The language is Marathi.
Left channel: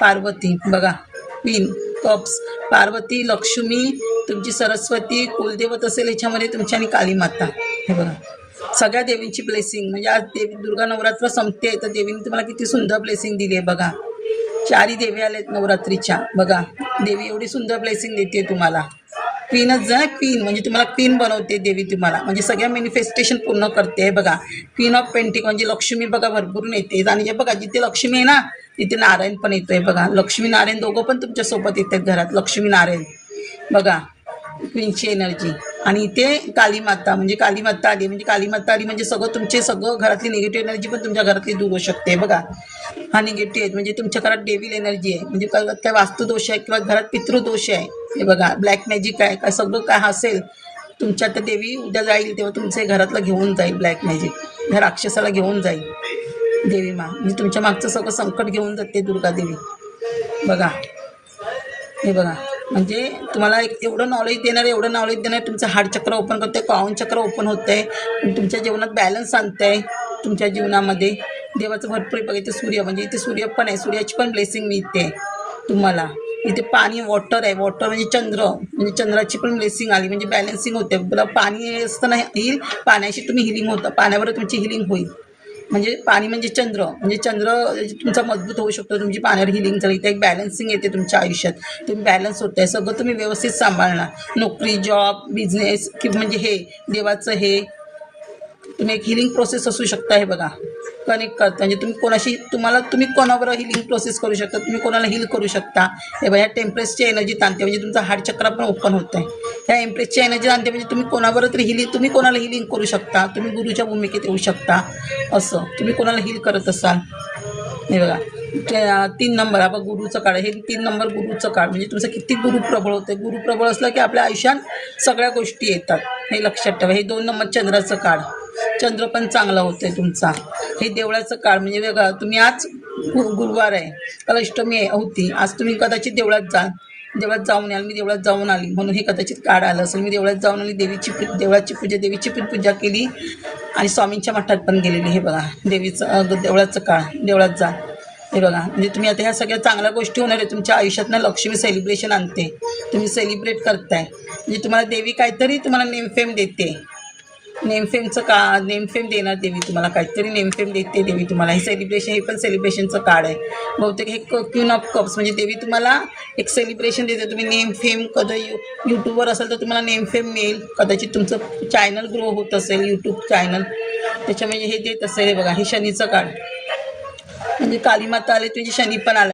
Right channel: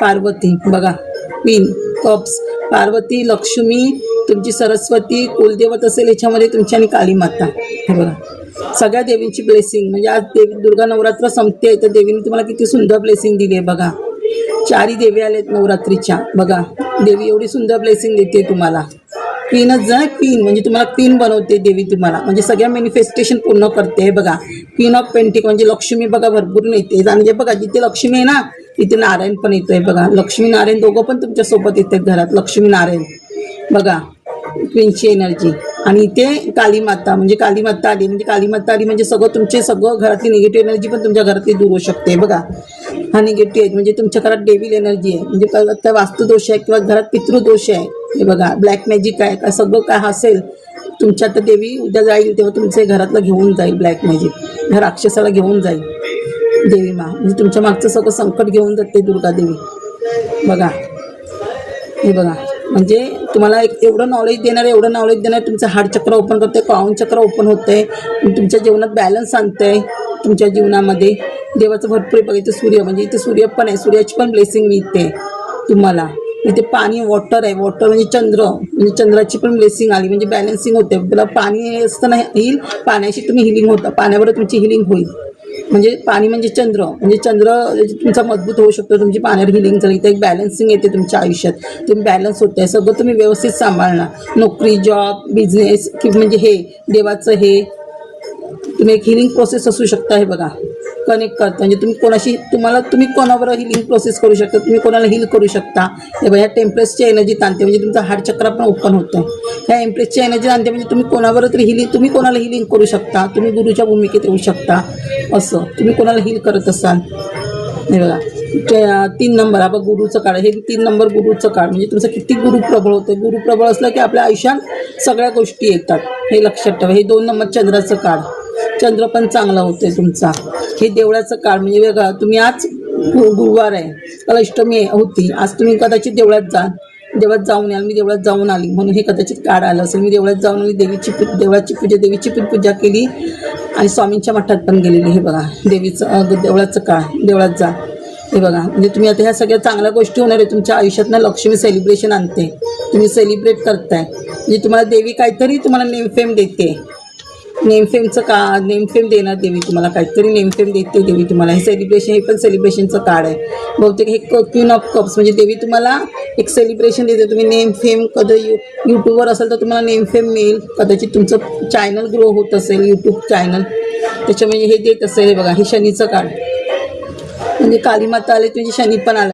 पार्वती बघा, क्वीन कप्स, पार्वती, लक्ष्मी, तुमची सरस्वती, कुलदेवत असेल याच्यामध्ये तुमची, आणि काली माता. हे बघा सगळ्या देवींची ब्लेसिंग. म्हणजे आज देवी दुर्गा नवरात्र संपते तर देवीने तुम्हाला किती सुंदर ब्लेसिंग दिली आहे बघा. 4 देवी आलेत नवरात्रीच्या. बघा देवी एवढी सुंदर ब्लेसिंग देते तुम्हाला. क्वीनच जा, क्वीन म्हणजे तुम्हाला क्वीन बनवते देवी तुम्हाला, म्हणजे सगळ्या मॅनिफेस्टेशन पूर्ण करते. बघा क्वीन ऑफ पेंटिक म्हणजे लक्ष्मी बघा भरपूर येते. आणि जे बघा जिथे लक्ष्मी आहे ना तिथे नारायण पण येतोय. बघा लक्ष्मी नारायण दोघं पण तुमच्या सोबत येतात घरात, लक्ष्मी नारायण. बघा क्वीनची एनर्जी. आणि इथे काली माता, म्हणजे काली माता आली, म्हणजे काली माता आली म्हणजे सगळं घरातली निगेटिव्ह एनर्जी पण तुमच्या घरातली दूर होऊ शकते. बघा हा निगेटिव्ह आहे म्हणजे तुमच्या घरात डेव्हिल एनर्जी आहे, म्हणजे काय वास्तुदोष आहे किंवा घरात पितृदोष आहे. हे बघा ब्लॅक मॅजिक आहे काय, सगळं काय असेल तुमच्या. तर देवी उद्या जाईल तेव्हा तुमच्या घरातलं घेऊन जाईल ब्लॅक मॅजिक, त्या राक्षसाला घेऊन जाईल देवी मा. म्हणजे तुमच्या मागचं सगळं संकट घेऊन जाते दुर्गा देवी. बघा हे बघा म्हणजे तुम्हाला एवढं नॉलेज देणार तुमचं हार्ट चक्र ओपन करते, पावन चक्र ओपन होते, तुमच्या जीवनात बॅलन्स आणते. तुमच्या जीवनामध्ये देवाचं भरपूर बघा. इथे सूर्य, म्हणजे इथे सूर्य पण आहे, सूर्याची पण ब्लेसिंग मिळते तुम्हाला. इथे पाणी वॉटर आहे, वॉटर म्हणजे चंद्र, म्हणजे चंद्राची पण ब्लेसिंग आली, म्हणजे बॅलन्सिंग होते. पाणी असताना हिल, पाण्याशी तुम्ही हिलिंग होता, पाण्यावर तुमची हिलिंग होईल. म्हणजे पाणी म्हणजे चंद्र, म्हणजे चंद्र तुमचा मजबूत होऊ शकतो, तुमची पाण्यावर हिलिंग झाली तर एक बॅलन्सिंग येते तुमच्या आयुष्यात. तुम्ही बॅलन्स होत आहे, सगळं तुम्ही व्यवस्थित सांभाळणार. नोकरी, जॉब, बिझनेस की म्हणजे हे देवाचं हे तुम्ही एक हिलिंग प्रोसेस असू शकता. हे बघा कनेक्ट करता, म्हणजे तुम्ही कोणाशी तुम्ही कोणावर हिलिंग प्रोसेस करू शकता, तुम्ही कोणाला हिल करू शकता. हे बघा ह्या टेम्परेसची एनर्जी ताणते, म्हणजे तुमचा हार्ट चक्र पण ओपन होतं आहे. ह्या एम्प्रेसची एनर्जी ताणते म्हणजे तुम्ही कोणावर तरी तुम्ही कोणाला हिलिंग करू शकता, तुम्ही गुरुच्या भूमिकेत येऊ शकता. असं तुम्ही कोणाला हिल करत असाल. हे बघा 3 नंबर हा बघ गुरुचं काळ, हे 3 नंबर गुरुचं काळ, म्हणजे तुमचं किती गुरु प्रबळ होतं. गुरु प्रबळ असलं की आपल्या आयुष्यात सगळ्या गोष्टी येतात, हे लक्षात ठेवा. हे 2 नंबर चंद्राचं काळ, चंद्र पण चांगला होतोय तुमचा. हे देवळाचं काळ, म्हणजे वेगळं तुम्ही आज गुरुवार आहे, काल अष्टमी होती, आज तुम्ही कदाचित देवळात जाऊन याल. मी देवळात जाऊन आली म्हणून हे कदाचित काळ आलं असेल. मी देवळात जाऊन आली, देवीची पण पूजा केली आणि स्वामींच्या मठात पण गेलेली. हे बघा देवळाचं काळ, देवळात जा. हे बघा म्हणजे तुम्ही आता ह्या सगळ्या चांगल्या गोष्टी होणार आहे तुमच्या आयुष्यात ना. लक्ष्मी सेलिब्रेशन आणते, तुम्ही सेलिब्रेट करताय, म्हणजे तुम्हाला देवी काहीतरी तुम्हाला नेमफेम देते. नेमफेम देणार देवी तुम्हाला, काहीतरी नेमफेम देते देवी तुम्हाला. हे सेलिब्रेशन, हे पण सेलिब्रेशनचं कार्ड आहे बहुतेक. हे क्वीन ऑफ कप्स म्हणजे देवी तुम्हाला एक सेलिब्रेशन देते. तुम्ही नेमफेम कधी यूट्यूबवर असेल तर तुम्हाला नेमफेम मिळेल. कदाचित तुमचं चॅनल ग्रो होत असेल, यूट्यूब चॅनल, त्याच्या म्हणजे हे देत असेल. हे बघा हे शनीचं कार्ड, म्हणजे काली माता आले म्हणजे शनी पण आला.